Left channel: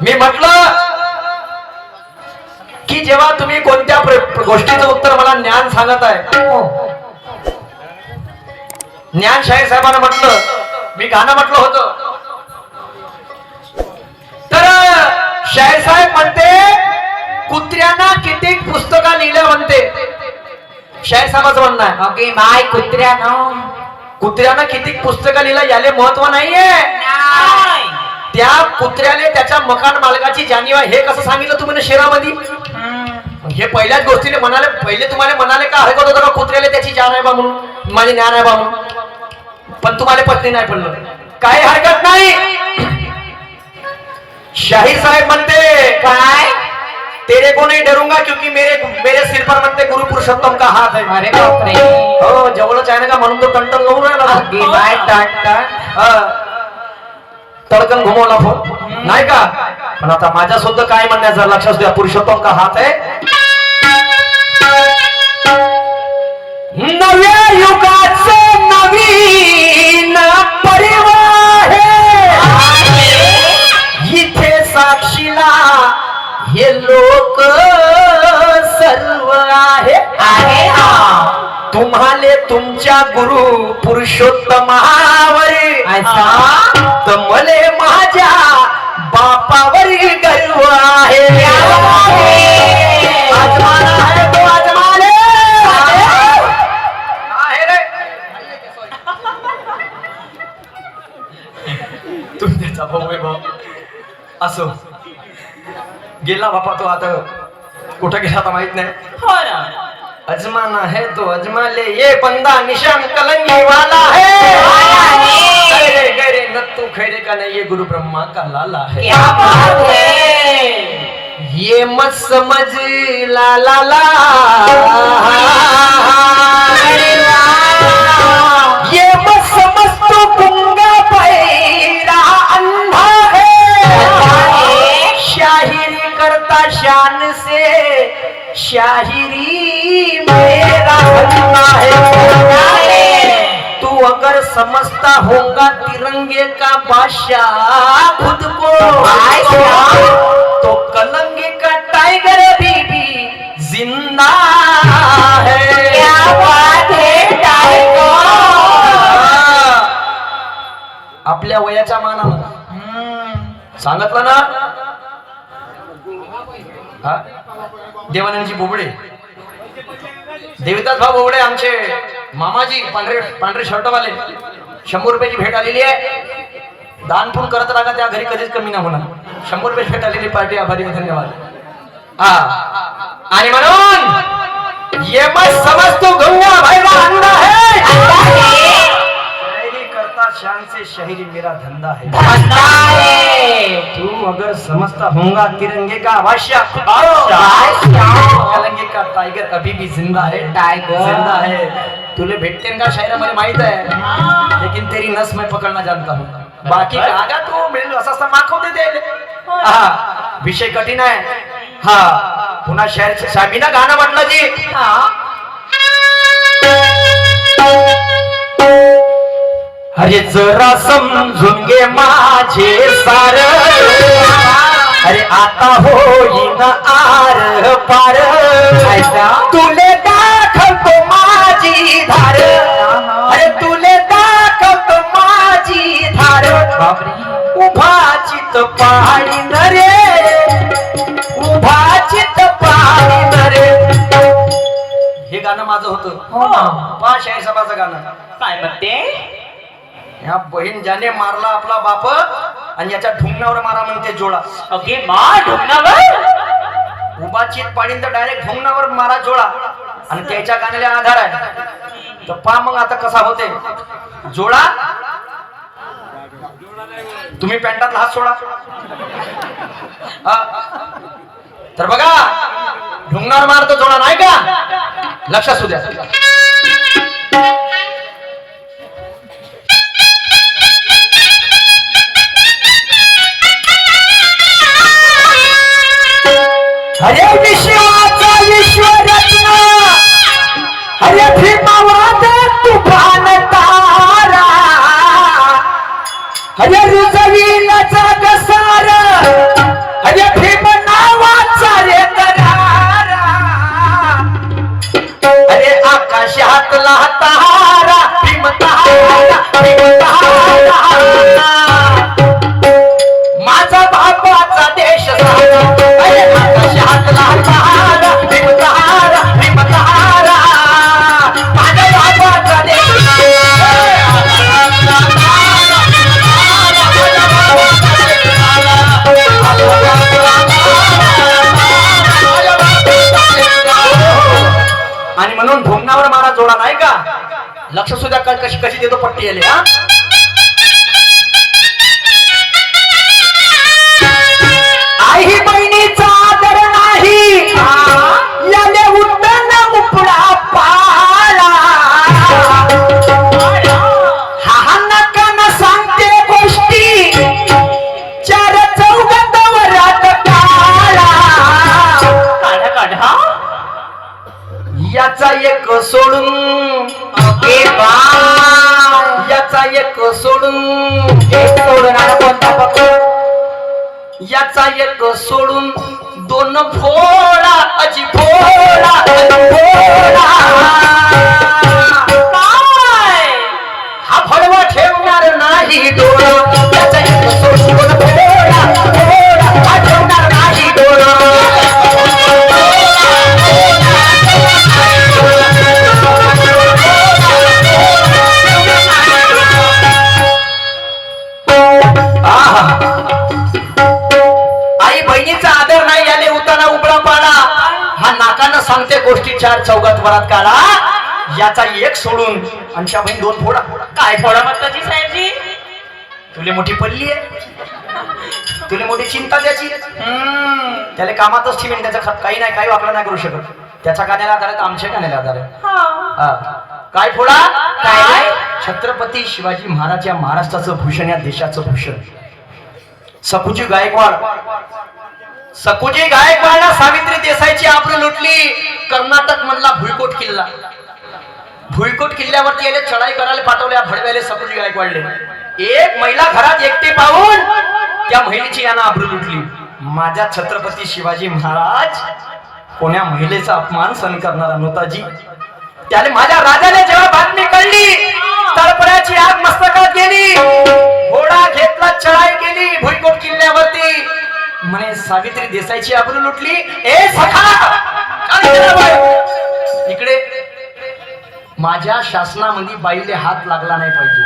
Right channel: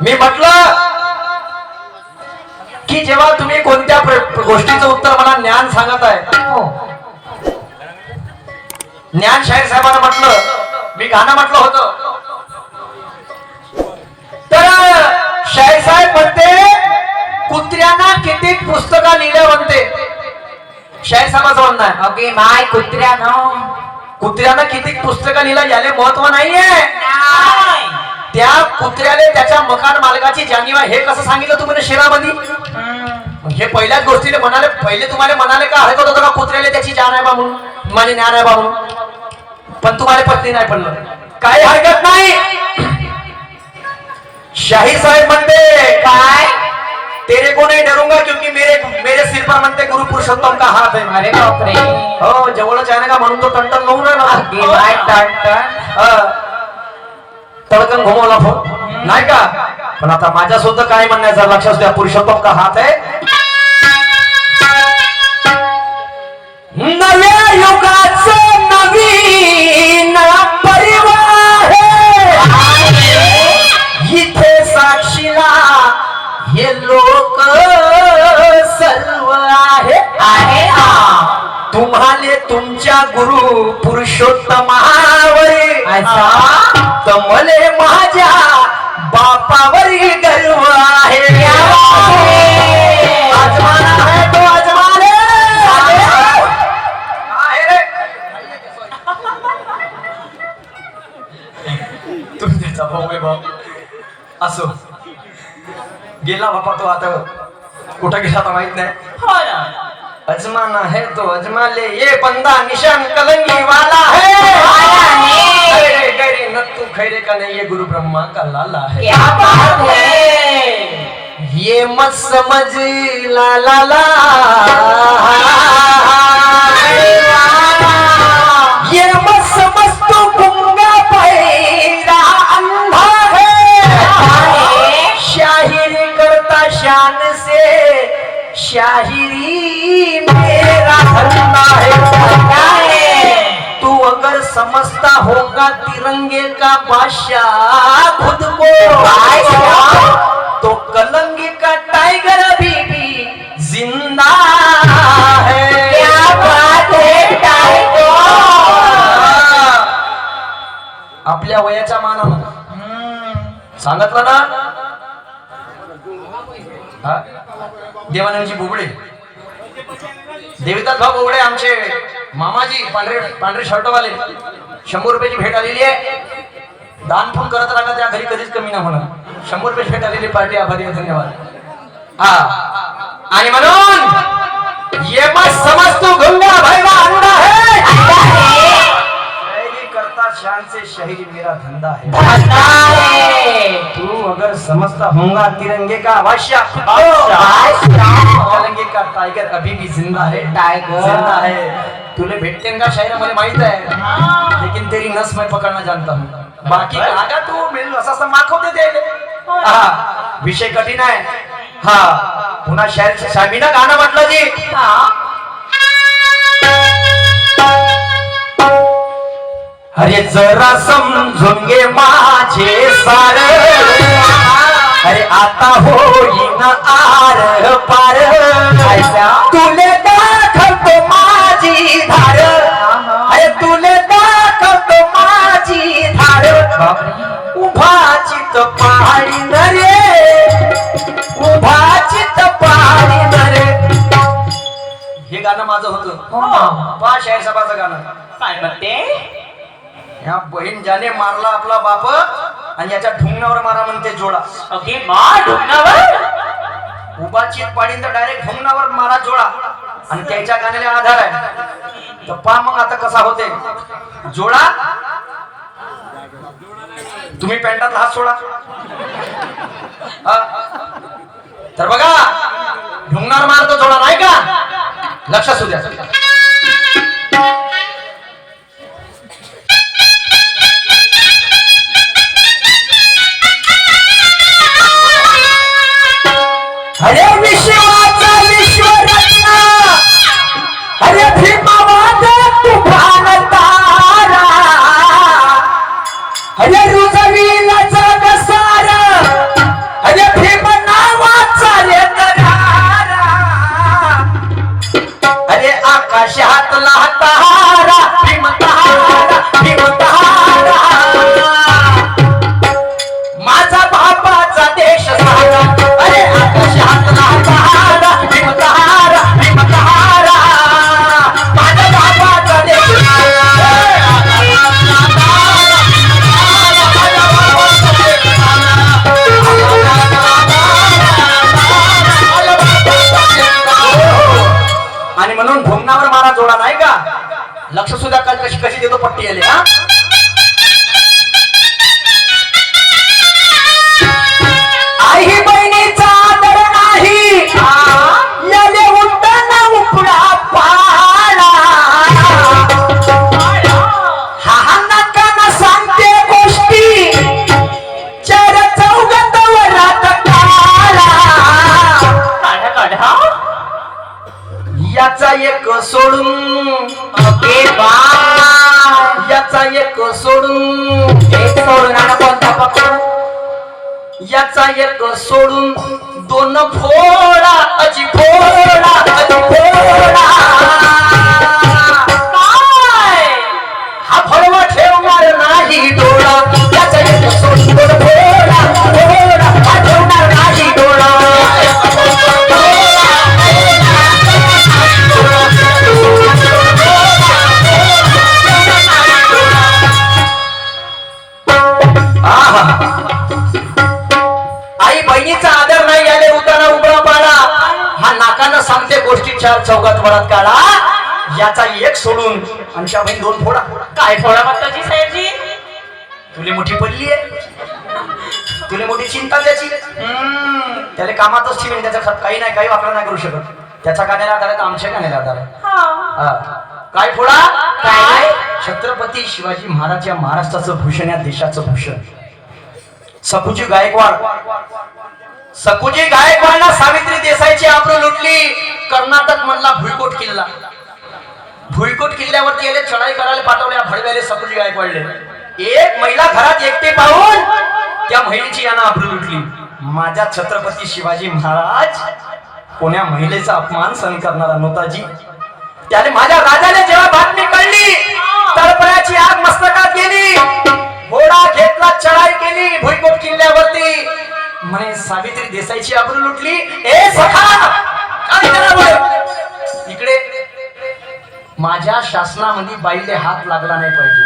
मी म्हटलं की जेव्हा तुम्ही कोणत्या गोष्टीचं उत्तर मला ज्ञान सांगत आहे, ज्ञान शाहीर साहेबांना म्हटलं मी गाणं म्हटलं होतं, तर शाहीर साहेब म्हणते कुत्र्यांना किती पुस्तका लिहिल्या म्हणते. शाहीर साहेबांचं म्हणणं आहे ओके माय कुत्र्यांना किती पुस्तकं लिहिलं याले महत्व नाहीये. त्या कुत्र्याने त्याच्या मकान मालकाची जाणीव हे कसं सांगितलं तुम्ही शेरामध्ये? हे पहिल्याच गोष्टीने म्हणाले, पहिले तुम्हाला म्हणाले का हरकत होतं का कुत्र्याला त्याची जाण आहे बा म्हणून, माझे ज्ञान आहे बा म्हणून, पण तुम्हाला पत्नी नाही पडलं, काही हरकत नाही. शाहीर साहेब म्हणते काय, तेरे को नहीं डरूंगा क्योंकि मेरे सिर पर म्हणते गुरु पुरुषोत्तम का हात है. अरे बापरे, हो जवळच आहे ना का म्हणून तो टंटन लावून आहे ना, तडकन घुमवला नाही का. पण आता माझ्या सुद्धा काय म्हणण्याचं लक्षात द्या, पुरुषोत्तम का हात आहे. नव्या युगाचं नवीन परिवार इथे साक्षीला हे लोक सर्व आहे. तुम्हाला तुमच्या गुरु पुरुषोत्तमावर तर मले माझ्या बापावर गर्व आहे. तुमचा भाऊ असो गेला बापा, तो आता कुठं गेला आता माहित नाही. अजमाना है तो अजमा ले, ये बंदा निशान कलंगी वाला है. गैरे गैरे नत्तू खैरे का नहीं, ये गुरु ब्रह्मा का लाला है. क्या बात है, ये मत समझ ला ला ला, ये मत समझ तो गुंगा पैरा अंधा है. शाहिरी करता शान से, शाहिरी मेरा धंधा है. तू अगर समझता होगा तिरंगे का बादशाह खुद को, तो कलंगे का टाइगर अभी भी जिंदा है. क्या बात है टाइगर. आपल्या वयाच्या मानानं सांगितलं ना. देवानंदजी बोबडे, देविदास भाऊ बोबडे आमचे मामाजी, पांढरे शर्टवाले, 100 रुपयाची भेट आलेली आहे. दान पण करत राहा, त्या घरी कधीच कमी नाही होणार. 100 रुपये भेट आलेली पार्टी, आभारी धन्यवाद. हा आणि म्हणून ये मत समझ तू गुंगा भैरा अंधा है, शायरी करता शान से शायरी मेरा धंधा है. तू अगर समझता होगा तिरंगे का बादशाह, कलंगे का टाइगर अभी भी जिंदा है. टाइगर जिंदा है. तुले भेटते का शायरी मला माहित आहे, लेकिन तेरी नस मैं पकड़ना जानता हूँ. बाकी कागा तू मिळून असा माखवते ते. हा विषय कठीण आहे. हा पुन्हा शायर शामीना गाणं म्हटलं जी. अरे जरा समजून घे माझे सार, अरे आता होईन आर पार. तुले दाखवतो माझी धार, अरे तुले दाखवतो माझी धार. उभा चित पहाडी नरे, उभा चित पहाडी नरे. हे गाणं माझं होतं. पहा शाहीर साहेबाचं गाणं काय म्हणते. ह्या बहीण ज्याने मारला आपला बाप आणि याच्या ढुंगणावर मारा म्हणते जोळा. ओके मा ढुंगणावर उभा चित पाडीन तर डायरेक्ट ढुंगणावर मारा जोळा, आणि त्याच्या गाण्याला आधार आहे. तर पहा मग आता कसा होते जोळा. तुम्ही पॅन्टातला हात सोडा. तर बघा ढुंगणावर मारतो जोळा नाही का, लक्षात असू द्या. अरे विश्वाचा विश्वरत्न, अरे भीमावाद तुफान तारा, अरे रुजवीला जग सारा, कशी देतो पट्टी आली हा. आई बहिणीचा आदर नाही याले उड्डाण उपडा पाळा. हा नकानं सांगते गोष्टी चार चौघात वरात काळा. काढा काढा. याचा एक सोडून ए बा. याचा एक सोडून एक सोडून आणि कोणता पकडू? याचा एक सोडून दोन फोडा अजी फोडा अजी फोडा. काय? हा फळवा ठेवणार नाही डोळा. याचा एक सोडून दोन फोडा फोडा हा ठेवणार नाही डोळा. आई बहिणीचा आदर नाही आले उताना उबळा पाडा. हा नाकानं सांगते गोष्टी चार चौघात वरात काढा. याचा एक सोडून आमच्या बहीण दोन फोडा. काय फोडा मागताची साहेबजी? तुले मोठी पडली आहे, तुले मोठी चिंता त्याची. त्याला कामातच ठेवीन त्याचा काही नाही काही वापरा नाही करू शकत. त्याच्या कानाला आधार आहे तर आमच्या कानाला आधार आहे. हा. काय फोडा? काय? छत्रपती शिवाजी महाराज या महाराष्ट्राचं भूषण या देशाचं भूषण. सकुजी गायकवाड. सकुजी गायकवाडला सावित्री देसाईची आबरू लुटली. कर्नाटक मधला भुईकोट किल्ला. भुईकोट किल्ल्यावरती याले चढाई करायला पाठवल्या भडव्याले सकुजी गायकवाडले. एक महिला घरात एकटे पाहून त्या महिलेची यानं आबरू लुटली. माझा छत्रपती शिवाजी महाराज कोण्या महिलेचा अपमान सहन करणारा नव्हता जी. त्याने माझ्या राजाने जेव्हा बातमी कळली तळपण्याची आग मस्तकात गेली. घोडा घेतला चढाई केली भुईकोट किल्ल्यावरती. म्हणे सावित्री देसाईची आबरू लुटली. ए सखा इकडे. माझ्या शासनामध्ये बाईले हात लागला नाही पाहिजे.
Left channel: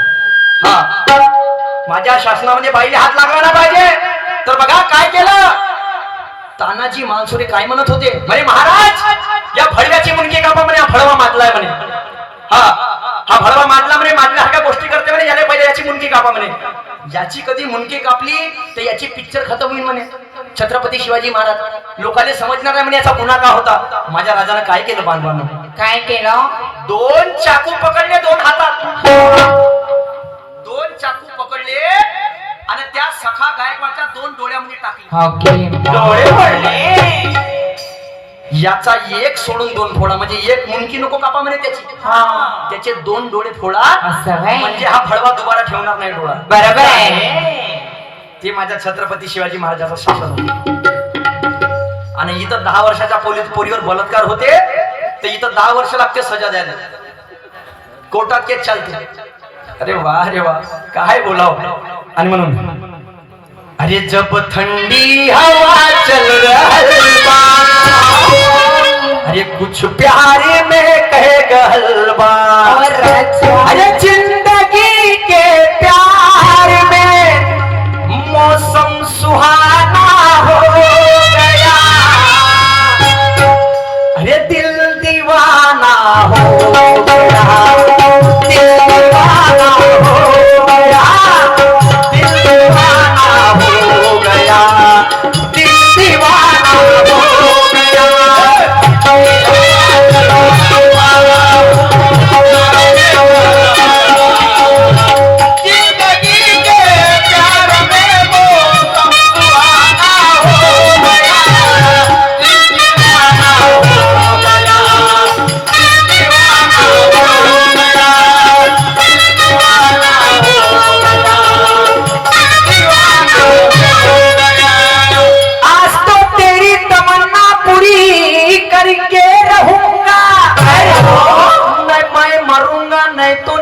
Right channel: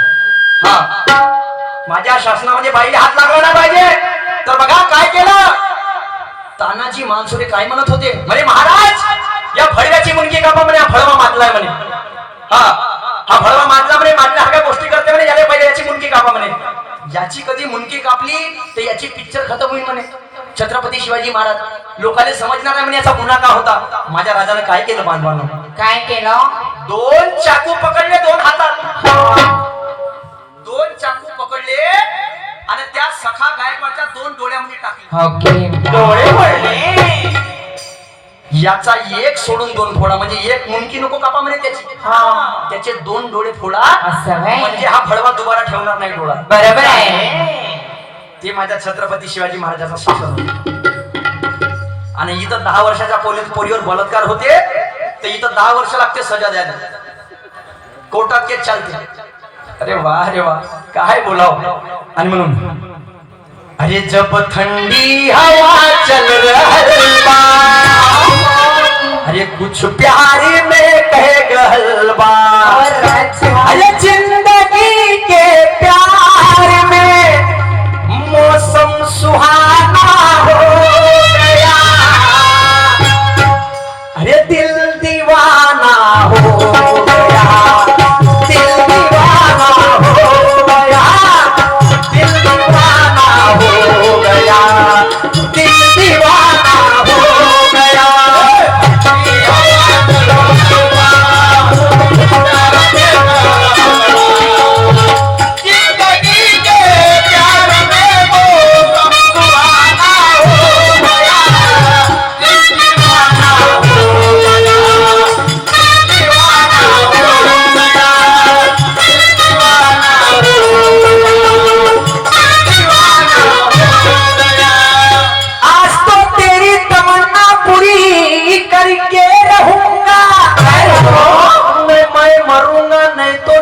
हा माझ्या शासनामध्ये बाईले हात लागला नाही पाहिजे. तर बघा काय केलं. तानाजी मालसुरे काय म्हणत होते म्हणे महाराज या फळव्याची मुंडकी कापा म्हणे. हा फळवा माजलाय म्हणे. हा फळवा माजला म्हणे. माजल्यासारख्या गोष्टी करते म्हणे. याला पहिले याची मुंडकी कापा म्हणे. याची कधी मुंडकी कापली तर याची पिक्चर खतम होईल म्हणे. छत्रपती शिवाजी महाराज लोकांना समजणार नाही म्हणे याचा गुन्हा का होता. माझ्या राजानं काय केलं बांधवांना? काय केलं? दोन चाकू पकडले दोन हातात. दोन चाकू पकडले आणि त्या सखा गायकवाडच्या दोन डोळ्यामध्ये टाकले. डोळे पडले. याचा एक सोडून दोन फोडा. म्हणजे एक मुंडकी नको कापा म्हणे त्याची. त्याचे दोन डोळे फोडा. असं व्हय? म्हणजे हा फळवा दुबारा ठेवणार नाही डोळा. बरोबर आहे. ते माझ्या छत्रपती शिवाजी महाराजाचा शासन. आणि इथं 10 वर्षाच्या पोरीवर बलात्कार होते तर इथं 10 वर्ष लागते सजा द्यायला. कोर्टात केस चालते. अरे वा रे वा काय बोलाव. आणि म्हणून अरे जब थंडी हवा चल रही बा. अरे कुछ प्यारे में कहे गलबा. अरे जिंदगी के प्यार में मौसम सुहाना हो गया. अरे दिल दीवाना हो गया. दिल दीवाना हो गया. दिल दीवाना हो गया. दिल दीवाना हो गया.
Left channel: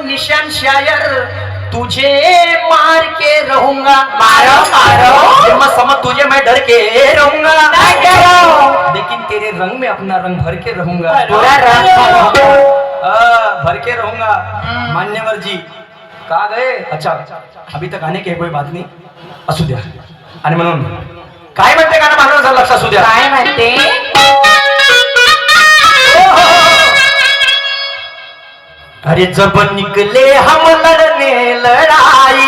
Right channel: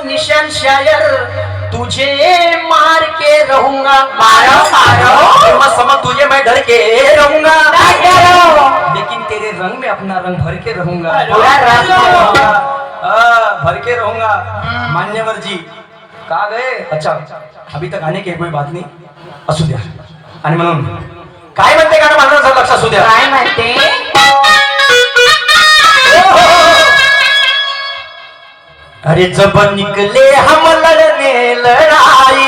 निशान शायर तुझे मार के रहूंगा. मारो मारो समझ तुझे मैं डर के रहूंगा. लेकिन तेरे रंग में अपना रंग भर के रहूंगा. पूरा रंग भर के रहूंगा. मान्यवर जी का गए. अच्छा अभी तक आने की कोई बात नहीं. असू द्या. आणि म्हणून काय म्हणते का ना माझं लक्ष असू द्या. काय म्हणते? अरे जब निकले हम लड़ने लड़ाई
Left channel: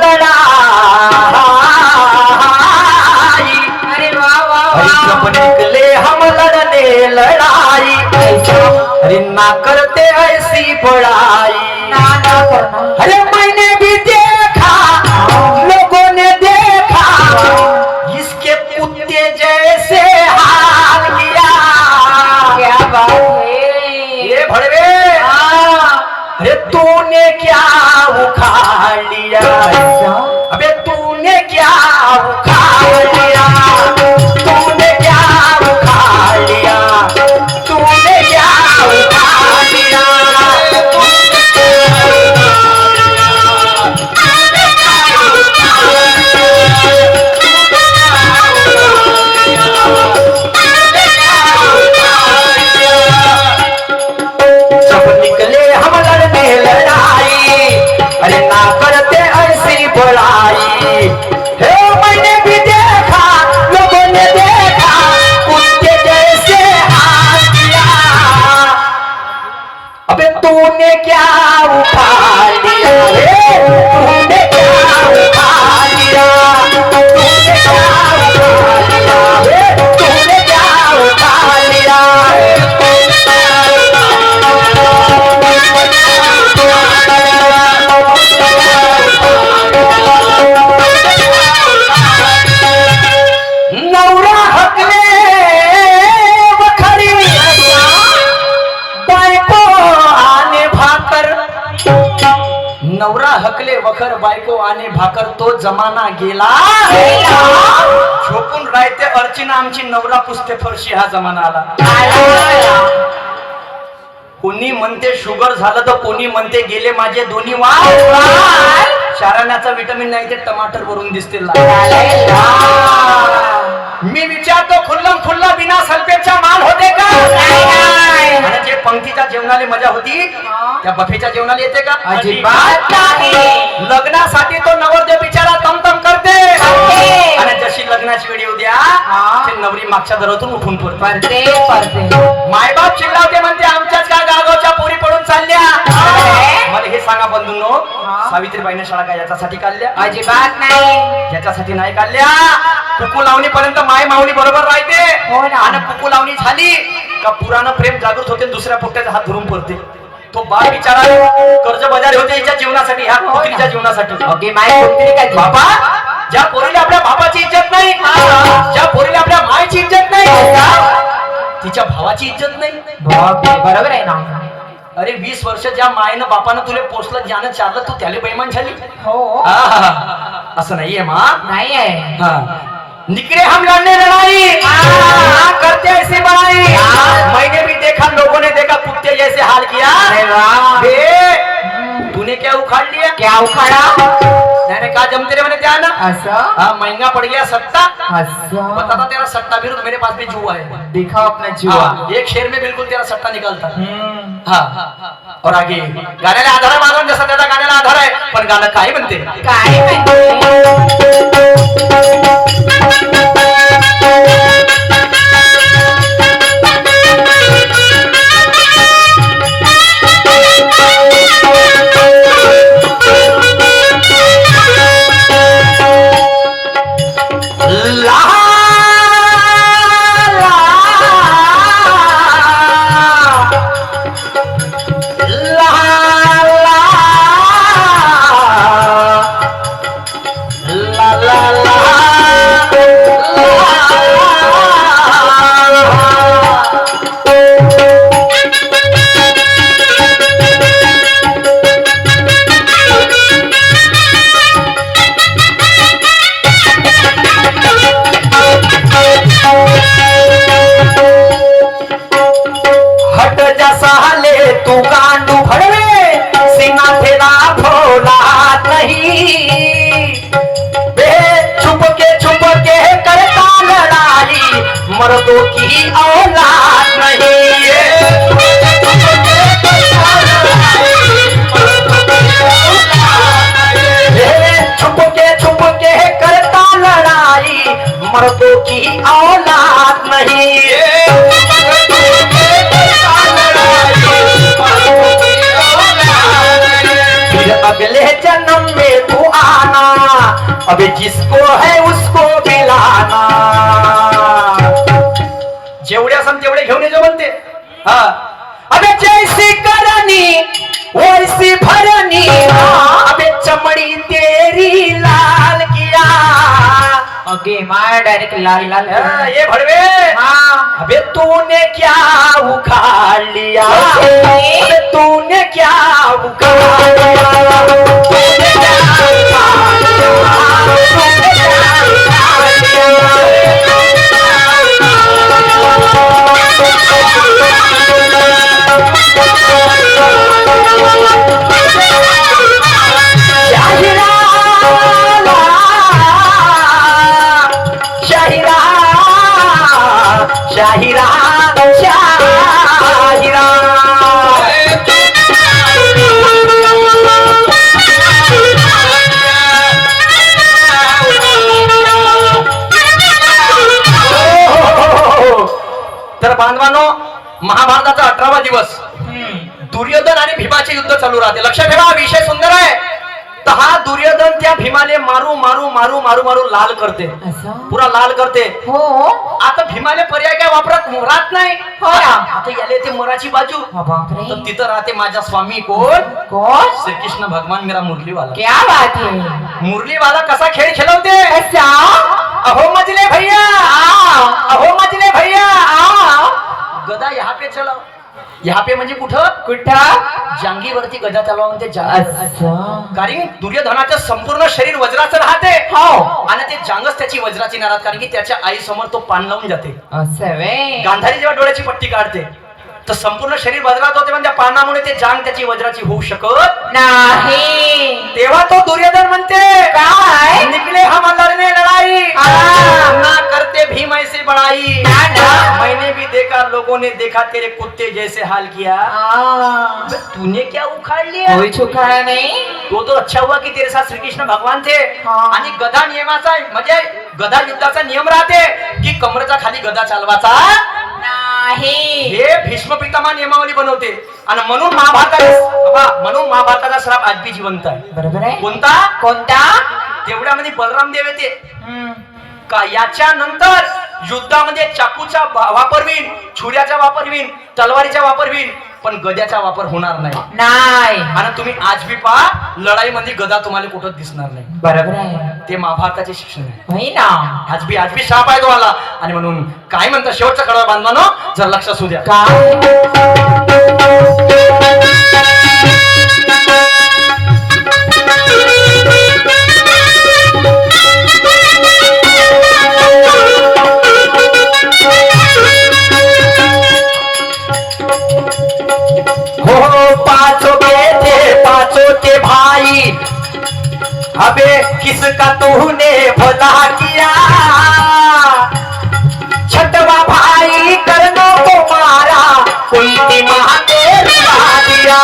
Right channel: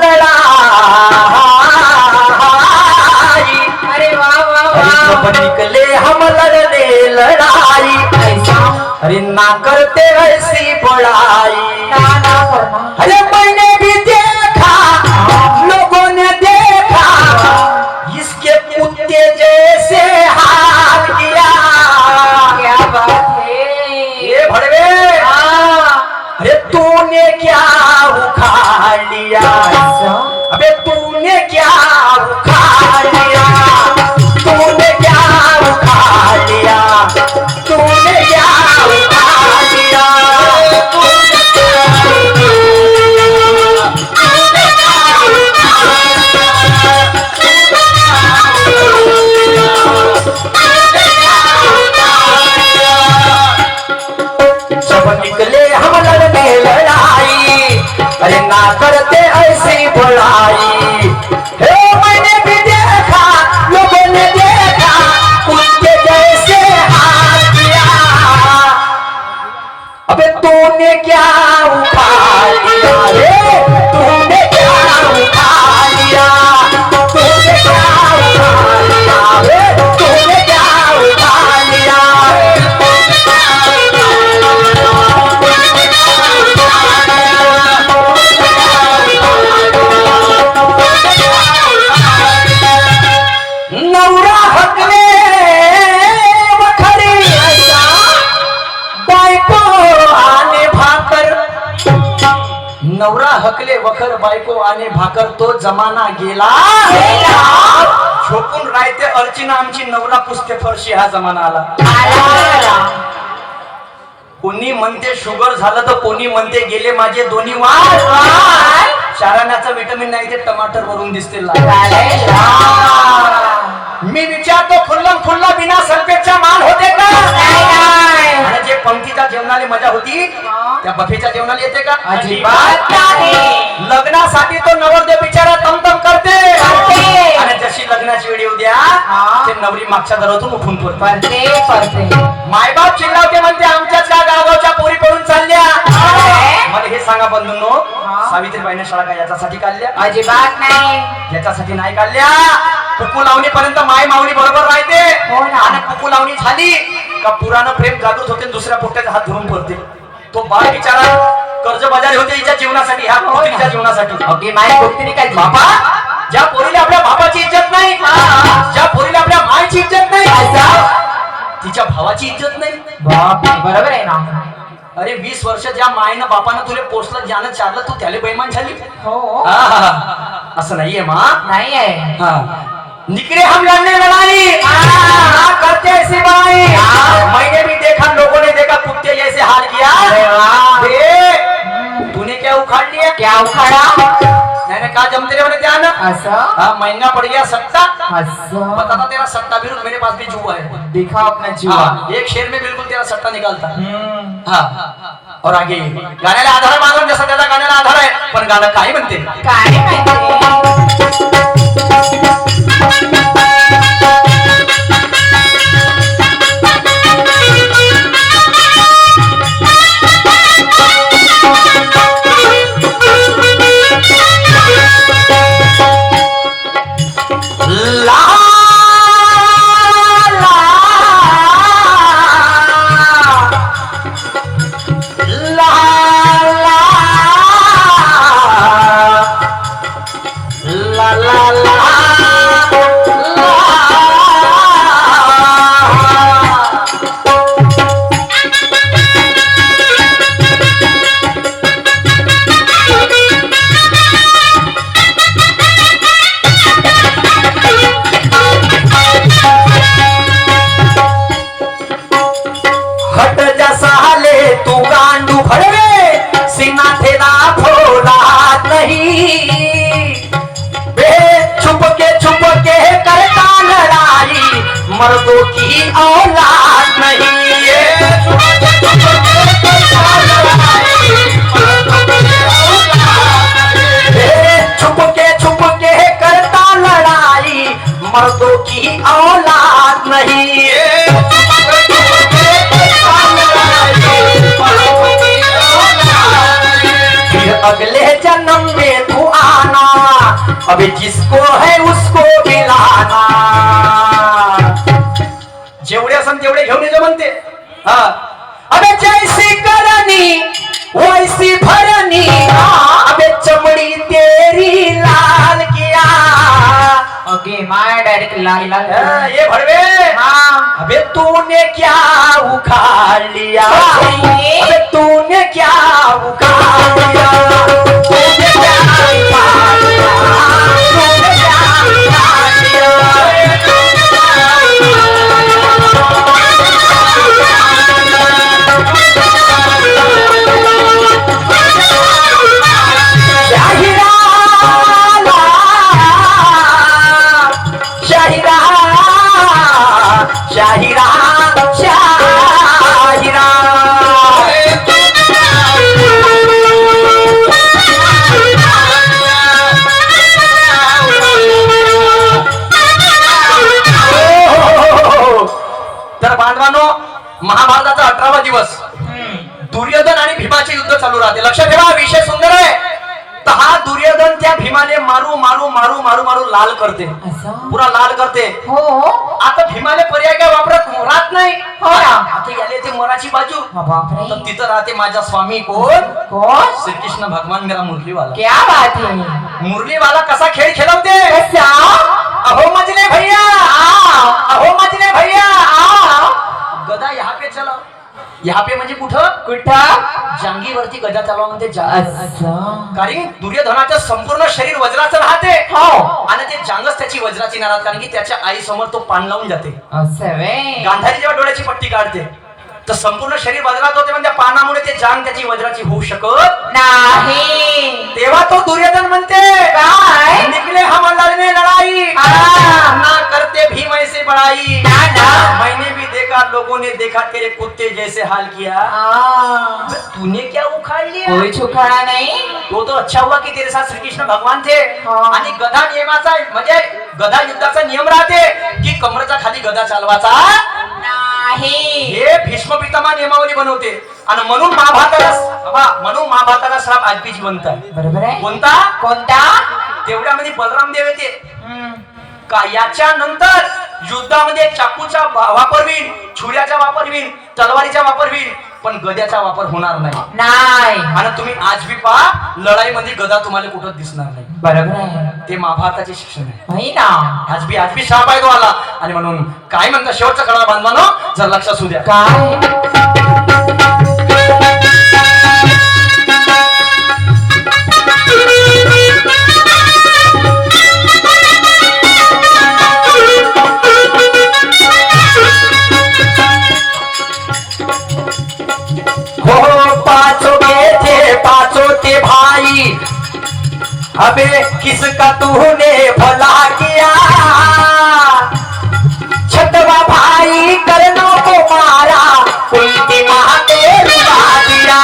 लड़ाई, अरे वाह वाह अरे जब वाह निकले हम लड़ने लड़ाई, अरे ना करते ऐसी बड़ाई। ना करना अरे मैंने भी देखा, लोगों ने देखा, इसके कुत्ते जैसे हाल किया। क्या बात है ये भड़वे, अरे तूने क्या उखाड़ लिया, अबे तूने क्या उखाड़ लिया, तूने क्या उखाड़ लिया, तूने क्या उखाड़ लिया। जब निकले हम लड़ने लड़ाई, अरे ना करते ऐसी बड़ाई। हे मैंने भी देखा, लोगों ने देखा, कुत्ते जैसे हाथ किया। अबे तूने क्या उखाड़ लिया, हे तूने क्या उखाड़ लिया, तूने क्या उखाड़ लिया, हे तूने क्या उखाड़ लिया। नवरा हकले वखरी, बायको आने भाकर, नवरा हकले वखर बायको आने भाकर, तो जमाना गेला। झोपून राहते अर्चना आमची, नवरा पुसते फरशी, हा जमाना आला। कोणी म्हणते शुगर झालं, तर कोणी म्हणते गेले माझे दोन्ही वाल। शाराण्याचा विटामिन नाही, ते टमाटर वरून दिसते लाल। मी विचारतो, खुल्लम खुल्ला बिना सल्फेटचा माल होते का? आणि जे पंक्तीच्या जेवणाला मजा होती, त्या बफेच्या जेवणाला येते का? अजिबात नाही. लग्नासाठी तो नवरदेव बिचारा तमतम करते, आणि जशी लग्नाची वेळ येऊ द्या, ते नवरी मागच्या दरातून उठून पडते. मायबाप चिल्लावते, म्हणते आमच्याच का गावाच्या पोरी पडून चालल्या. मला हे सांगा बंधूंनो, सावित्रीबाईने शाळा काय याच्यासाठी काढल्या? अजिबात नाही. याच्यासाठी नाही काढल्या. कुकू लावणी पर्यंत माय माऊली बरोबर राहते, हो ना. आणि कुकू लावणी झाली का पुराण प्रेम जागृत होते, दुसऱ्या पोट्याचा हात धरून पडते. तो बाळ बिचारा कर्ज बजारी होते हिच्या जीवनासाठी, ह्या पोरीच्या जीवनासाठी. अगदी माय कोणतरी काय बाबा, ज्या पोरीला आपल्या बापाची इज्जत नाही, ज्या पोरीला आपल्या मायची इज्जत नाही, तिच्या भावाची इज्जत नाही. बरोबर आहे ना. अरे 20 वर्ष ज्या मायनं बापानं तुले पोचलं, ज्यानं चारलं, तू त्याला बेईमान झाली. हो असं नाहीये मा. नाही आहे. निकले हम लड़ने लड़ाई, ना करते ऐसी बड़ाई। मैंने भी देखा, लोगों ने देखा, कुत्ते जैसे हाल किया। अरे वाह. तूने क्या उखाड़ लिया? क्या उखाड़ा? मैंने कहा जमते रे, मैंने ध्यान। ऐसा महंगा पड़ गया सट्टा। ऐसा पता था तेरा सट्टा विरुद्ध, मेरे पास भी जुआ है। दिखा अपना जुआ. एक शेर में बिल्कुल तेरा सट्टा निकलता। हाँ, और आगे गाण्याला आधार मानून, जसा त्याचा गाण्याला आधार आहे, पण गाणं काय म्हणते? काय माहिती. ला ला ला ला ला ला हट जसा ले तू गांडू भरवे, सिंगा तेरा भोला नहीं। बे छुप के करता लड़ाई, मर्दों की औलाद नहीं। छुप के करता लड़ाई, मर्दों की औलाद नहीं। फिर अगले जन्म में तू आना, अबे जिसको है उसको मिलाना. जेवढे असन तेवढे घेऊन येतो म्हणते. हा अबे जैसी करनी वैसी भरनी, अबे चमड़ी तेरी लाल किया. ओके माय डायरेक्ट लाल लाल. ये भड़वे हाँ. अबे तूने क्या उखाड़ लिया, अबे तूने क्या उखाड़ लिया, तूने क्या उखाड़ लिया, तूने क्या उखाड़ लिया. शाहिरा शाहिरा शाहिरा शाहिरा. तर बांधवांनो, महाभारताचा 18वा दिवस, दुर्योधन आणि भीमाचे युद्ध चालू राहते. लक्षात ठेवा, विषय सुंदर आहे. तर हा दुर्योधन त्या भीमाले मारू मारू मारू मारू मारू लाल करते, असं? पुरा लाल करते. हो हो. आता भीमाले पर्याय काय वापरत, मोरात नाही. हो ना. आता याले ते मोराची बाजू. बापरे. तर तिथं राहते माझा स्वामी कोण, कौन? श्रीकृष्ण भगवान मेरा मुरलीवाला. क्या बात है. मुरलीवाला कसा खेळ खेळवते. ऐसा. अहो मजले भैया, अहो मजले भैया, गदा यहाँ पे चला. यहाँ पे म्हणजे कुठं, कुठं. जांगीवरती गदा चालवा म्हणते. असं. कारण दुर्योधनाचं संपूर्ण शरीर वज्राचं राहते. हो. आणि ते जांगच त्याची वज्राची नाराज, कारण की त्याच्या आई समोर तो पान लावून जाते. असं वे. गांधारी जेव्हा डोळ्याची पट्टी काढते तर संपूर्ण शरीर वज्रात होते, पण त्या पानामुळे ते जांग त्याची वज्राची होऊ शकत नाही. तेव्हा तो दुर्योधन म्हणते, काय? निकले हम लड़ने लड़ाई, ना करते भीम ऐसे बनाई. मैंने भी देखा, लोगों ने देखा, तेरे कुत्ते जैसे हाल किया. तूने क्या उखाड़ लिया. कोई छुखाड़ा नहीं. तो अच्छा हुआ की तेरे साथ श्रीकृष्ण भगवान थे. हाँ. आणि गदा नियमाचा म्हणजे गदा युद्धाचा नियम राहते की कमरेचा खाली गदा चालवाचा नाही. हे भीष्म पितामह नियमावली बनवते. आणि म्हणून महाभारताचा श्राप आज बी जिवंत आहे. बरोबर आहे. कोणता, कोणता. तेवढ्यामध्ये बलराम देव येते हम्म. का याच्या नंतर युद्धामध्ये चाकूचा वापर होईल, छुऱ्याचा वापर होईल, तलवारीचा वापर होईल, पण गद्याचा वापर होणार नाही. नाही. आणि तुम्ही आज बी पहा, लढाईमध्ये गदा तुम्हाला कुठं दिसणार नाही. बरोबर आहे. ते महाभारताचे शिक्षण आहे. नाही ना. आज बी शाप आहे तुम्हाला. आणि म्हणून काय म्हणता, शेवटचा कडा बांधवानो, जर लक्ष असू द्या. काय. हो पांचों के पांचों के भाई, अबे किसका तूने भला किया. छठवा भाई कर्णों को मारा, कुंती माँ ने रुला दिया.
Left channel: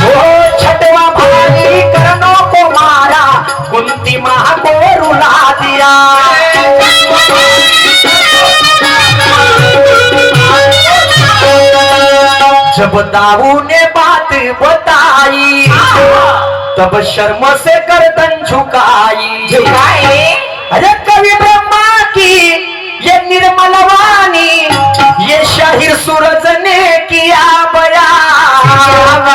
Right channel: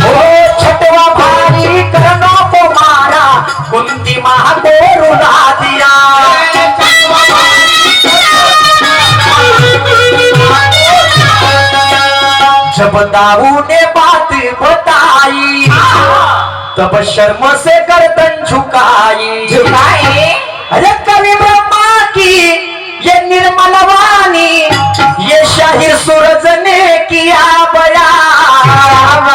हो छठवा भाई कर्णों को मारा, कुंती माँ को रुला दिया. जब दाऊ ने बात बताई, तब शर्म से गर्दन झुकाई. अरे कवि ब्रह्मा की ये निर्मल वाणी, ये शाहिर सूरज ने किया बयान.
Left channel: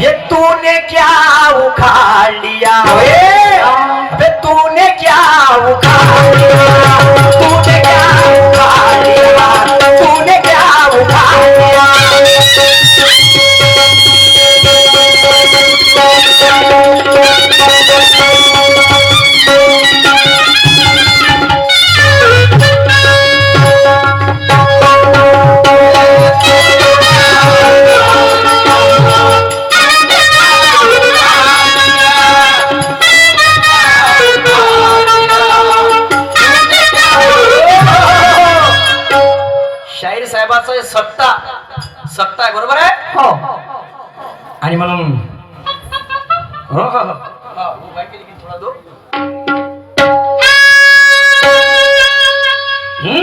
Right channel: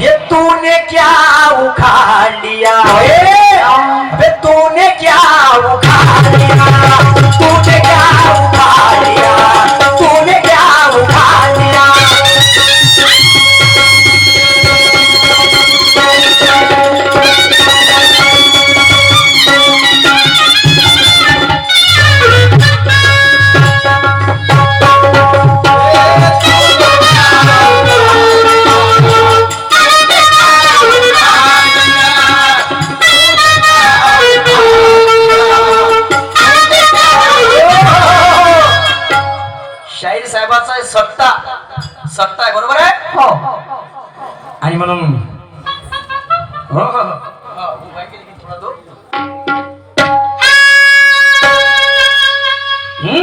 ये तूने क्या उखाड़ लिया, अबे तूने क्या उखाड़ लिया, तूने क्या उखाड़ लिया, तूने क्या उखाड़ लिया. शाहीर साहेबाचा सत्ता आहे, बरोबर आहे. हो. आणि म्हणून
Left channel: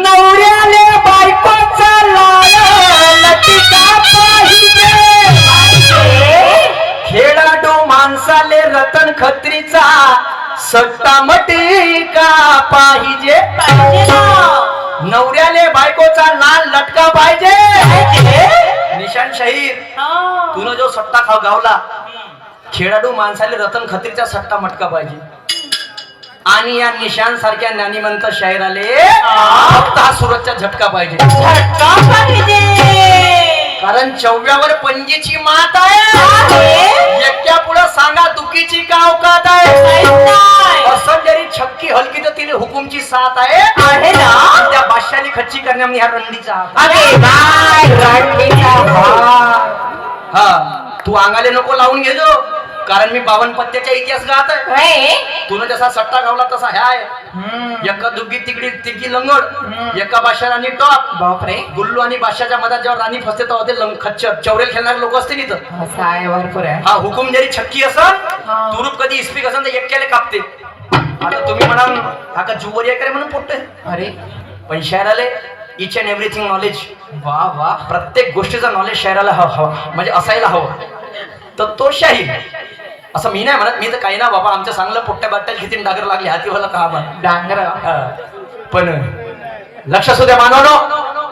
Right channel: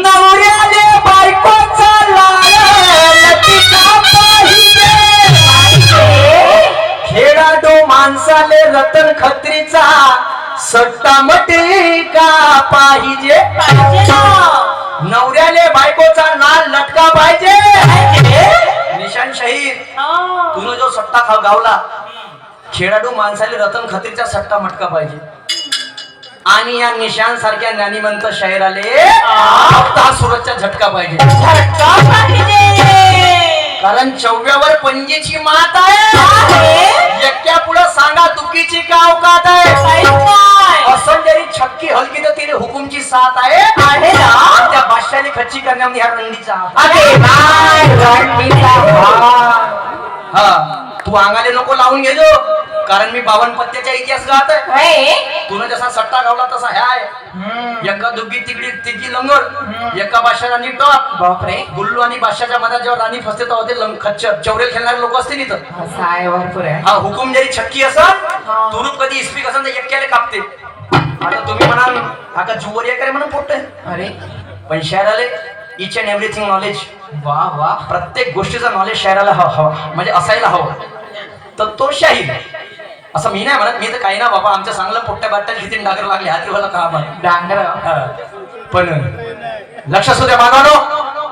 नवऱ्याले बायकोच आले रतन खत्रीचा सट्टा मटिका पाहिजे. नवऱ्याले बायकोचा नाल लटका पाहिजे. निशान शहीर तुला जो सट्टा गावला खेळाडू माणसाले रतन खत्रीचा सट्टा मटका पाहिजे. आणि या निशान सारख्या ज्ञानीवंत शाहिराले फक्त हा सुरतचा झटका पाहिजे. कारण चौव्यावर पंजेची मात आहे. एकट्या पुढं सांगा दुखीची का अवकात आहे. असं जरी छक्की हलकी तर तिने हुकुमची साथ आहे ना. त्या बादशाही खच्ची करण्यामध्ये ह्या रणनीचा हा तू अंगाले नको लावून घेजो. कारण मी 52 पत्त्याचा इतिहास गात आहे. तुला जसा सट्टा गावला तसा ह्या आहे. एका दुग्गी तिकडी तिघी लंगड एका बादशा राणी टॉप. बापरे. गुल्लू आणि बादशाच्या मधात जेव्हा राणी फसते तेव्हा ते खच्चर चौरे खेळणारे लोक असतील इथं. असं आहे भरपूर आहे. हा हुकुम जरी छक्की असन तुरुप कधी इस्पिक असन तर एकट्याला कापते. आता तुम्ही म्हणाल हा का जुवरी आहे म्हणून पोटते. अरे पण शहराले इच अँड एव्हरीथिंग नॉलेज. वा वा. प्रत्येक गोष्टीचं नॉलेज शहराला हवं म्हणजे असायला हवं. तर तो शाहीर असं मी नाही म्हणत. मी तर काही ना बाबा आमच्या चांगलं पोट्ट्या बाट्ट्यात किती डागर लागले हातीवाला का डांगर. पण लक्ष असू द्या मानवानो.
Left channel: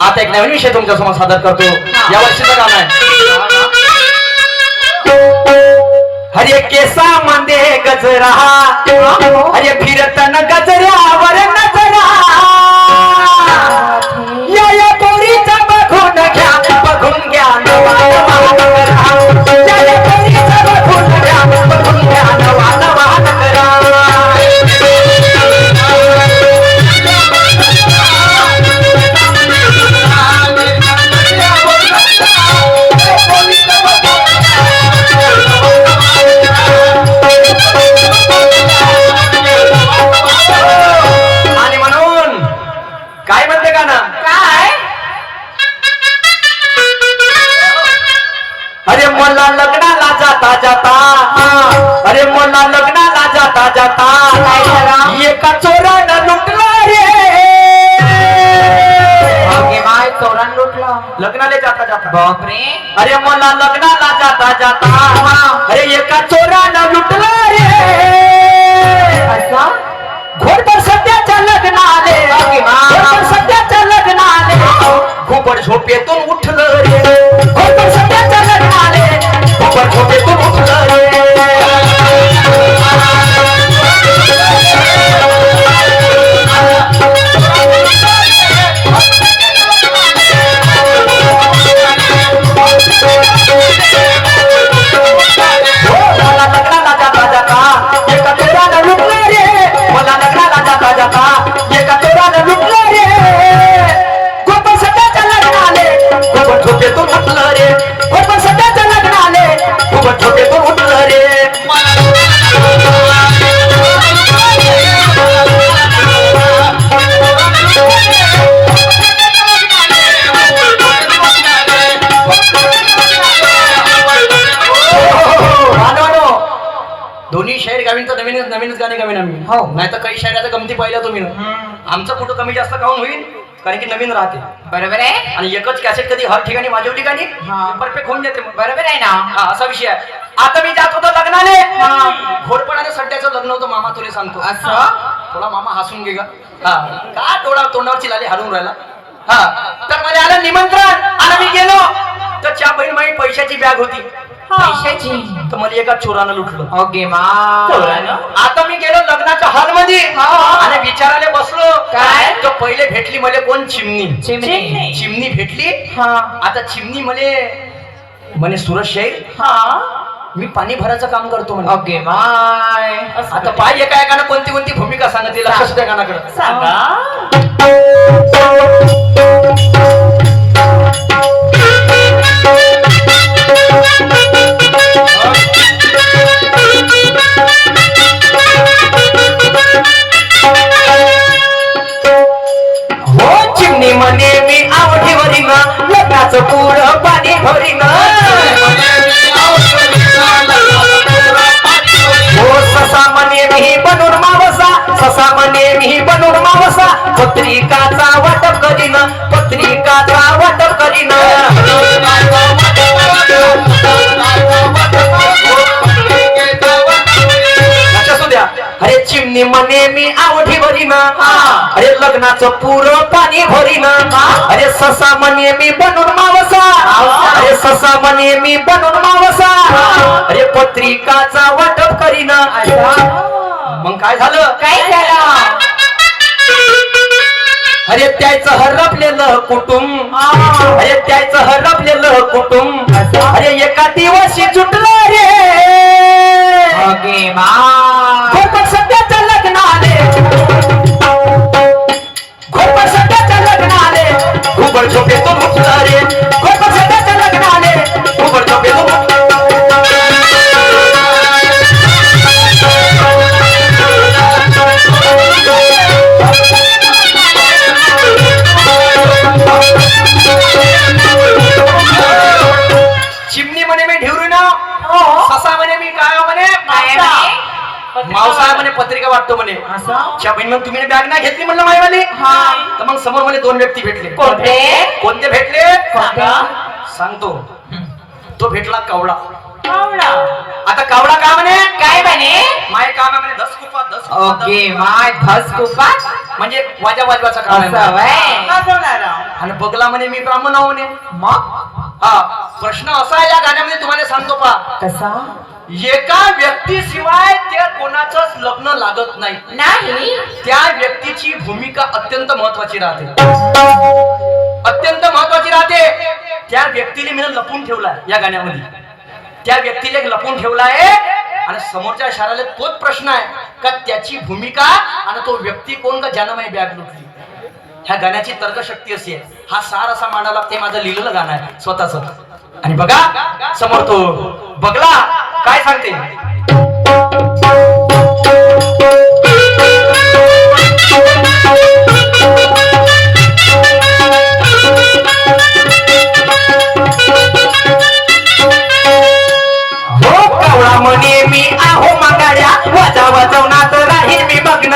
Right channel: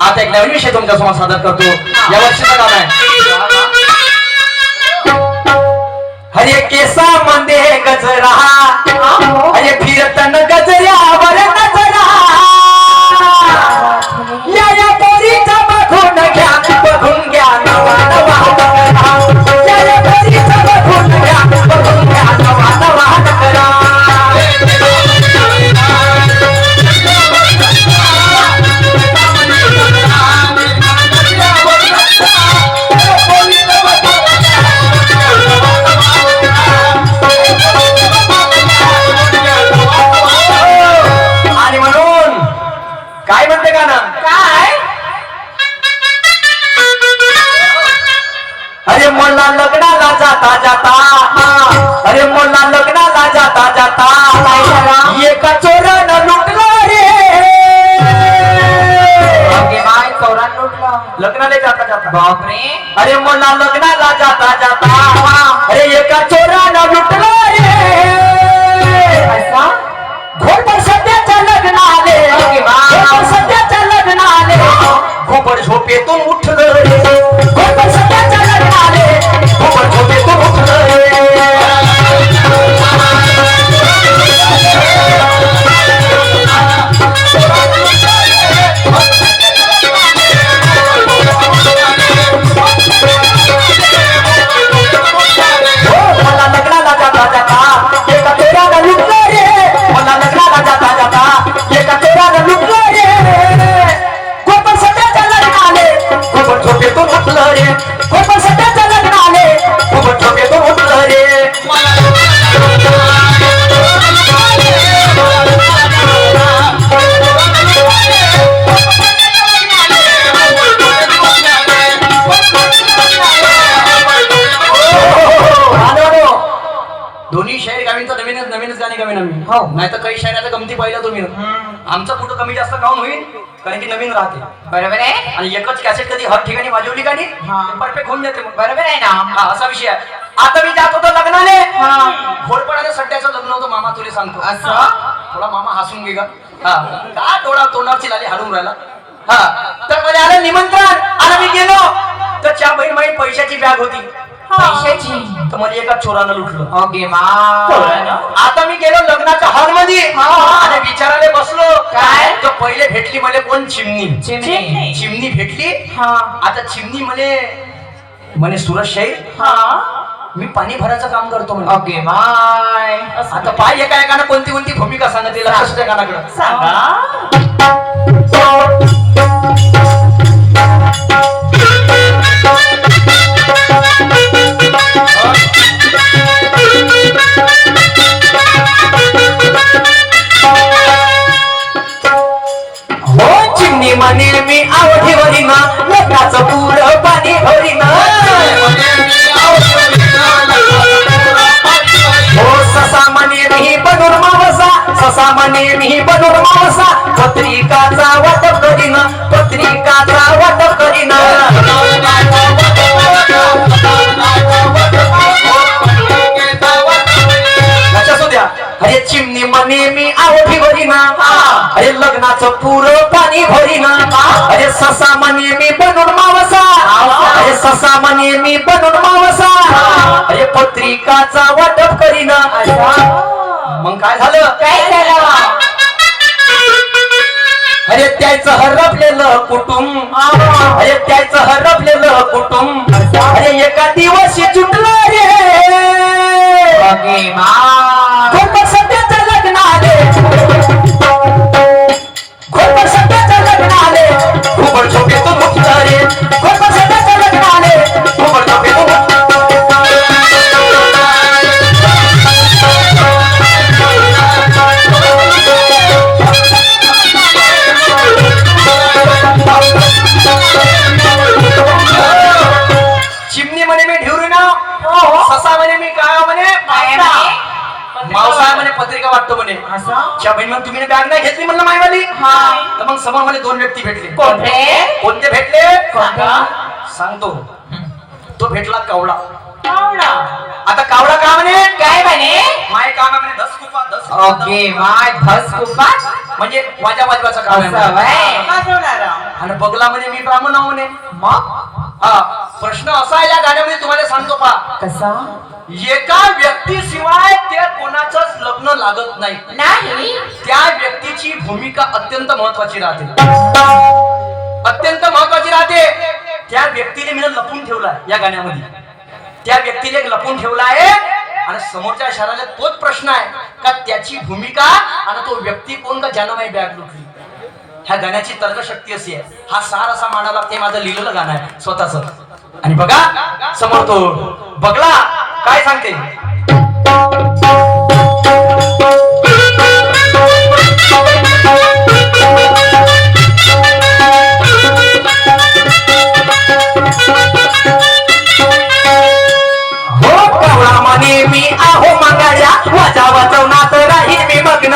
आता एक नवीन विषय तुमच्या समोर सादर करतो. या वर्षीचं गाणं आहे हरे केसा मध्ये गजरा हरे फिरतन गजऱ्यावर नजरा. या पोरीचा बघून घ्या बघून घ्या नवा नवा नकरा. या पोरीचा बघून घ्या बघून घ्या नवा नवा नकरा. आणि म्हणून काय म्हणते गाणं. काय. अरे मला लग्नाला जाता जाता अरे मला लग्नाला जाता जाता एका चोरानं लुटला रे. बाय चोरान लुटलं. लग्नाला जाता जाता बापरे. अरे मला लग्नाला जाता जाता अरे एका चोरानं लुटला रे. असं घोडपर सध्याच्या लग्नाले घोडपर सध्याच्या लग्नाले घोबड झोपेतून उठलं रे. घोडपर सध्याच्या लग्नाले घोबड झोपेतून उठलं रे. मला लग्नाला जाता जाता एका चोरानं लुटलं रे. मला लग्नाला जाता जाता एका चोरानं लुटलं रे. घोडपर सध्याच्या लग्नाले घोबड झोपेतून उठलं रे. घोडपर सध्याच्या लग्नाले घोबड झोपेतून उठलं रे. दोन्ही शाहीर गावींचं नवीनच गाणे गावी नवीन. हो नाही तर काही शायराचा गमती पाहिल्या तुम्ही. आमचं कुठं कमी जास्त काऊन होईल कारण की नवीन राहते. बरोबर आहे. आणि एकच कॅसेट कधी हर ठिकाणी वाजवली गाणी हा. परफेक्ट होऊन जाते. मग बरोबर आहे ना. हा असा विषय आहे. आता मी जात होतो लग्नाने घोडपणाने सध्याचं लग्न होतं मामा तुला सांगतो. असं थोडा मामा हसून घे का. हा का तोंडावरची लाली हलून राहिला. हा तर मध्ये आलं निमंत्रण. आणि मी गेलो तर च्या बहीण माझी पैशाची बॅग होती. पैशाची. तर मला एका चोरानं लुटलं. ओके मा. आता मी गेलो लग्नाच्या हॉल मध्ये आणि विचारायला बसलो काय? तर पहिले भेटली मला कोण चिमणी. चिमणी. चिमणी भेटली. आता चिमणी म्हणे सुरज शाहीर मी पाणी भरायचं काम करतो म्हणे. ओके माय. आता पाय एका एकानं कोणती कोणती भूमिका सांगते लक्ष असू द्या गाण्याकडे. सांगा. हो चिमणी म्हणे मी आवडी भरीना लग्नाचं पुरं पाणी भरीना. हो ससा म्हणे मी बनून मावसा ससा म्हणे मी बनून मावसा. पत्री चिमणी म्हणे मी आवडी भरीना अरे लग्नाचं पुरं पाणी भरीना अरे ससा म्हणे मी बनून मावसा अरे ससा म्हणे मी बनून मावसा अरे पत्रिकाचा वाटप करीना मग काय झालं काय झालं अरे त्याचं हरपलेलं कुटुंब अरे त्याचं हरपलेलं कुटुंब अरे एका दिवशी सुटलं रे ओके मा घोरपड सध्याचं लग्न आले घोरपड सध्याचं लग्न आले घुबड झोपेतून उठलं रे घोरपड सध्याचं लग्न आले घुबड झोपेतून चिमणी म्हणे मी ढिवरी ना ससा म्हणे मी काय म्हणे काय म्हणे? मावसा म्हणे पत्रिका वाटतो म्हणे असं च्या बहीण तुम्ही बॅग नाही घेतली म्हणलं मायवाली हा. तर मग समोर मध्ये दोन व्यक्ती भेटले कोणते? कोणते भेटले सांगा. सांगतो तो भेटला कावळा कावळा. आता कावळा का म्हणे काय म्हणे माय काम म्हणे धस कुपा धस ओके माय धस कुपा म्हणजे वाजा वाजवाचा काम असं आहे वय आणि बगला म्हणे मी ब्राह्मण आहो म्हणे मग हा प्रश्न असा आहे या गाण्यामध्ये तुम्हाला सांगतो पा कसं एका व्यक्तीशिवाय ते कोणाचंच लग्न लागत नाही नाही त्या व्यक्तीची भूमिका अत्यंत महत्वाची राहते अत्यंत महत्वाची राहते त्या व्यक्तीने मी लपून ठेवलाय या गाण्यामध्ये त्या व्यक्तीने लपून ठेवला आहे आणि समोरच्या शहराला तोच प्रश्न आहे का त्याची भूमिका आणि तो व्यक्ती कोण का ज्यानं माझी बॅग लुटली ह्या गाण्याची तर्कशक्ती अशी आहे हा सार असा मांडायला ते माझं लिहिलेलं गाणं आहे स्वतःच आणि बघा समोर तो बघला काय सांगते हो कावळा म्हणे मी आहो मागाड्या वाजा वाजवण्यात राहील मी मग्न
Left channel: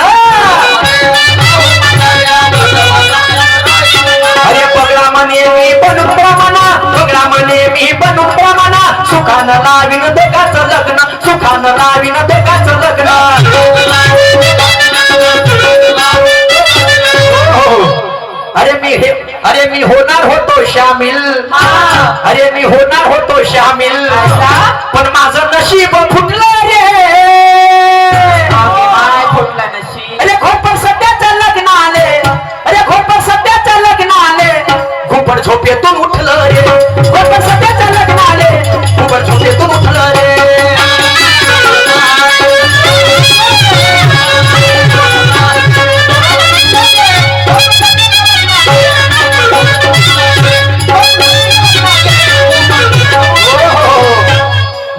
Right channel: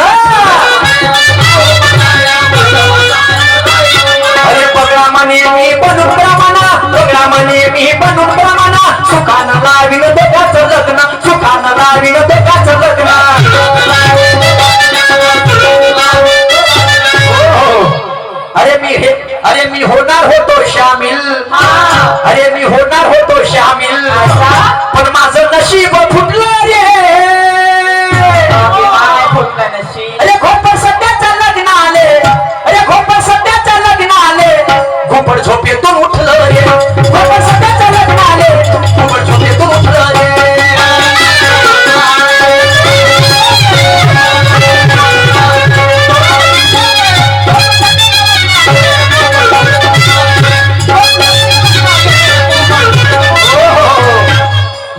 अरे बगळा म्हणे मी बनून ब्राह्मणा बगळा म्हणे मी बनून ब्राह्मणा सुखानं लावीन दोघाचं लग्न सुखानं लावीन दोघाचं लग्न अरे मी होणार होतो शामिल अरे मी होणार होतो शामिल पण माझं नशीब फुटलं रे काय फुटलं नशीब अरे घोरपड सध्याचं लग्न आले अरे घोरपड सध्याचं लग्न आले घुबड झोपेतून उठलं रे घोरपड सध्याचं लग्न आले घुबड झोपेतून उठलं रे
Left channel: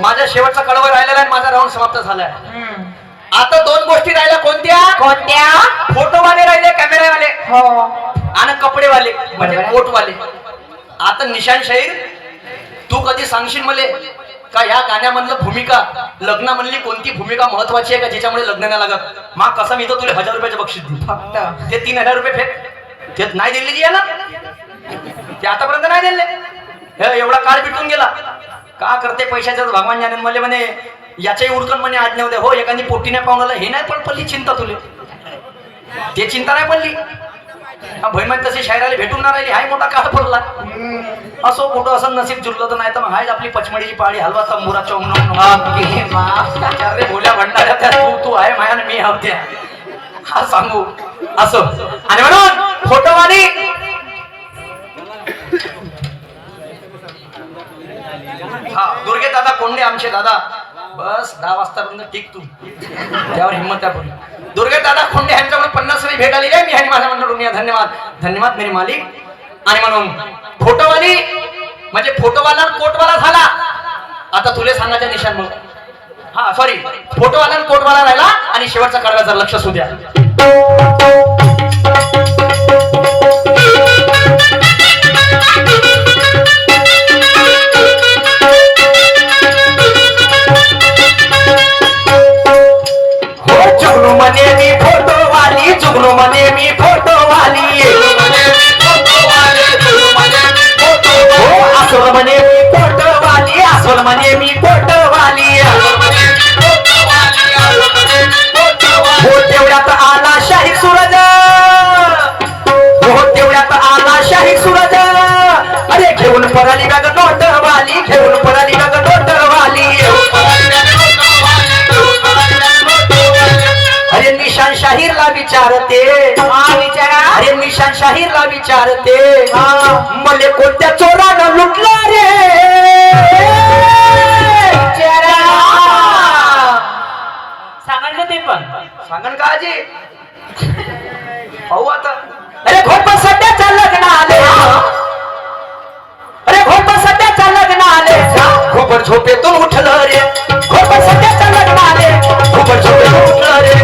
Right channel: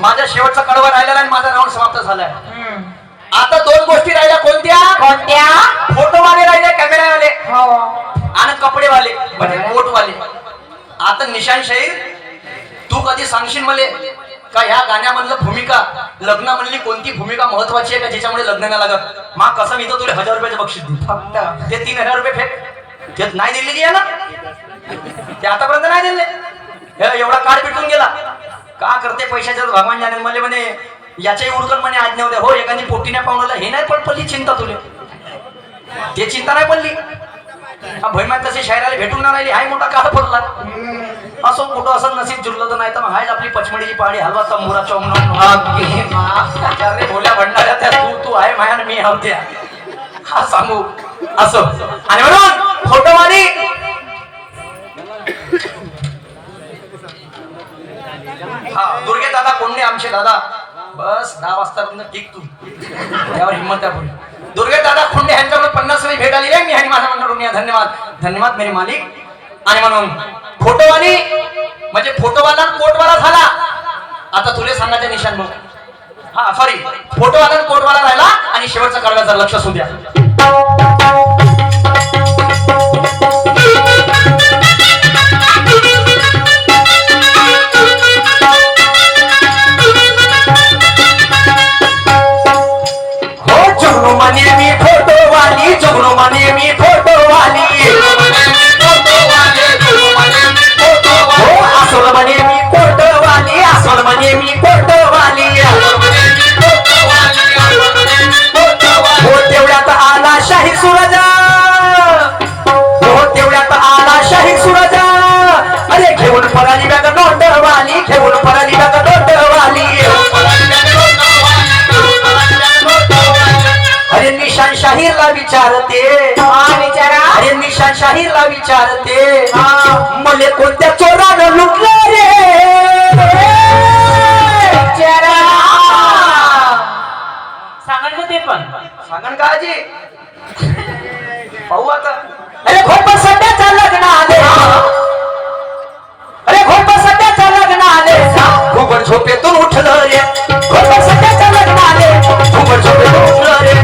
माझा शेवटचा कडवा राहिलेला आहे माझा राऊंड समाप्त झालाय आता दोन गोष्टी राहिल्या कोणत्या कोणत्या फोटोवाले राहिले कॅमेरावाले हो आणि कपडेवाले म्हणजे बरोबर. कोटवाले आता निशान शाहीर तू कधी सांगशील मले का ह्या गाण्यामधलं भूमिका लग्नामधली कोणती भूमिका महत्वाची आहे का ज्याच्यामुळे लग्न नाही लागत मग कसं मी तर तुला 1000 रुपयाचं बक्षीस देईन फक्त ते 3000 रुपये फेक ते नाही दिले की ना ते आतापर्यंत नाही दिले हे एवढा काळ पिटून गेला का करते पैशाच्याच भगवान जाणे मला म्हणे याच्याही उरकन म्हणे आज नव्हते हो एखादी पोटीने पाहुणाला हे नाही पण पडली चिंता तुले ते चिंता नाही पडली भैमान तशी शायराला भेटून ना राहिली हाय मोठा काळ पडला असो मोठं असं नसीब जुळलं तर नाही तर मग हायच आपली पचमडीची पहाडी हलवा तंबुरा चौन रे बोल्या भंडाऱ्या त्या तू आहे माया मी हवत्या हा सांगू असो आणि म्हणून फोटोवाली दुर्गे दादा कोंडे आमचे दादा बस 10 वाजतापर्यंत टिक तू त्यावर हिंमत त्या पुढे दुर्गे दादा खोंडे यांच्याकडे 50 वेळी भेट आलेली आहे मी आणि माझ्या मंडळी धन्यवाद धन्यवाद मेरे मालिक आणि म्हणून फोटोवाली म्हणजे फोटोवाला कोटवाला झाला आता तुले सांगायचं निशान मग हा सॉरी फोटोवाला कोटवाला राहिला आणि शेवटचा कडव्याचं लक्ष असू द्या जुगनू म्हणे मी फोटोवाली जुगनू म्हणे मी फोटोवाली हो असोल म्हणे मी फोटोवाली असोल म्हणे मी फोटोवाली हो विचारते विचारा अरे निशान शाहीरला विचारते मले कोणत्या चोरानं लुटला रे विचारा सांगा ना ते पण सांगन का आजी पाहू आता अरे खोट सध्याच्या लग्नाले अरे खोट सध्याच्या लग्नाले खूप झोपेतून उठलं रे खोट सध्याच्या लग्नाले खूप झोपेतून उठलं रे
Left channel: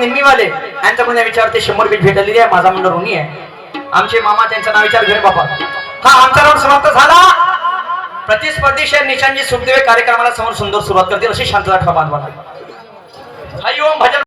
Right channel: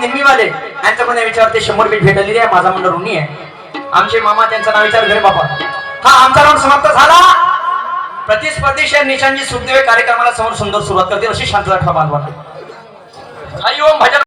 नेहमीवाले यांच्याकडून विचारते 100 रुपये भेटलेली आहे माझा मंडळ ऋणी आहे आमचे मामा त्यांचं नाव विचार घरे बाबा हा आमचा नाम समाप्त झाला प्रतिस्पर्धी शेर निशांजी सुखदेव कार्यक्रमाला समोर सुंदर सुरुवात करतील अशी शांतता ठेवा बांधवा हरी ओम भजन